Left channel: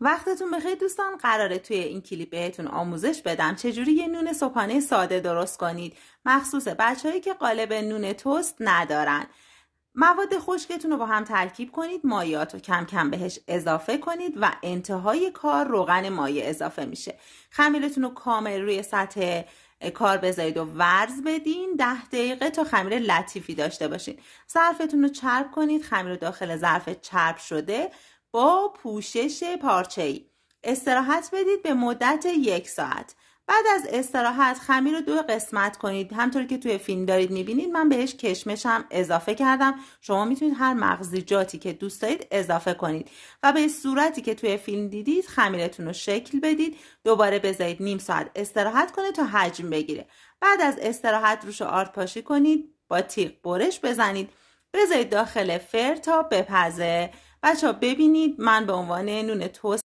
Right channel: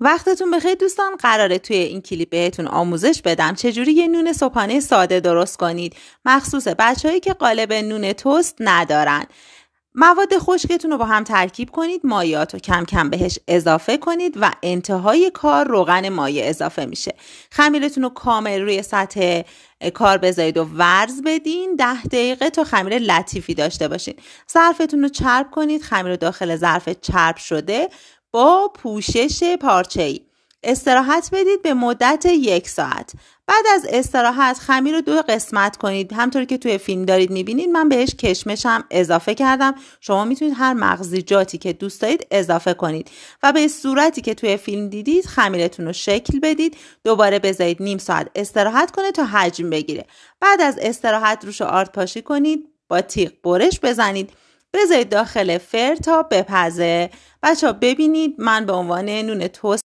وقتتون بخیر دوستان. قراره توی این کلیپ بهتون آموزش بدم چجوری یه نون صبحانه ساده درست کنید، مخصوص بچه‌هایی که قالب نون توست ندارن. مواد خشکتون رو با هم ترکیب کنید، مایعات رو کم کم بهش اضافه کنید و انتهای کار روغن مایع اضافه میشه. خمیرتون رو کامل روی سطح کار بذارید و ورز بدین 10 دقیقه تا خمیر لطیفی داشته باشین. ظرفتون رو چرب کنید، خمیر رو داخل ظرف چرب شده با پوشش پارچه‌ای استراحت بدید به مدت 1 ساعت. بعد از استراحت خمیر رو 2 قسمت کنید، همطوری که توی فیلم دارید میبینید. من بهش کشمش هم اضافه کردم، شما میتونید هر مغزیجاتی که دوست دارید اضافه کنید و به صورتی که توی فیلم دیدید خمیرتون رو شکل بدید. دوباره بذارید نیم ساعت استراحت کنه تا حجم بگیره. بعد از استراحت روش آرد پاشی کنید، با تیغ برش بزنید، بذارید داخل فر تا بپزه. بچه‌ها ببینید من به عنوان نون توست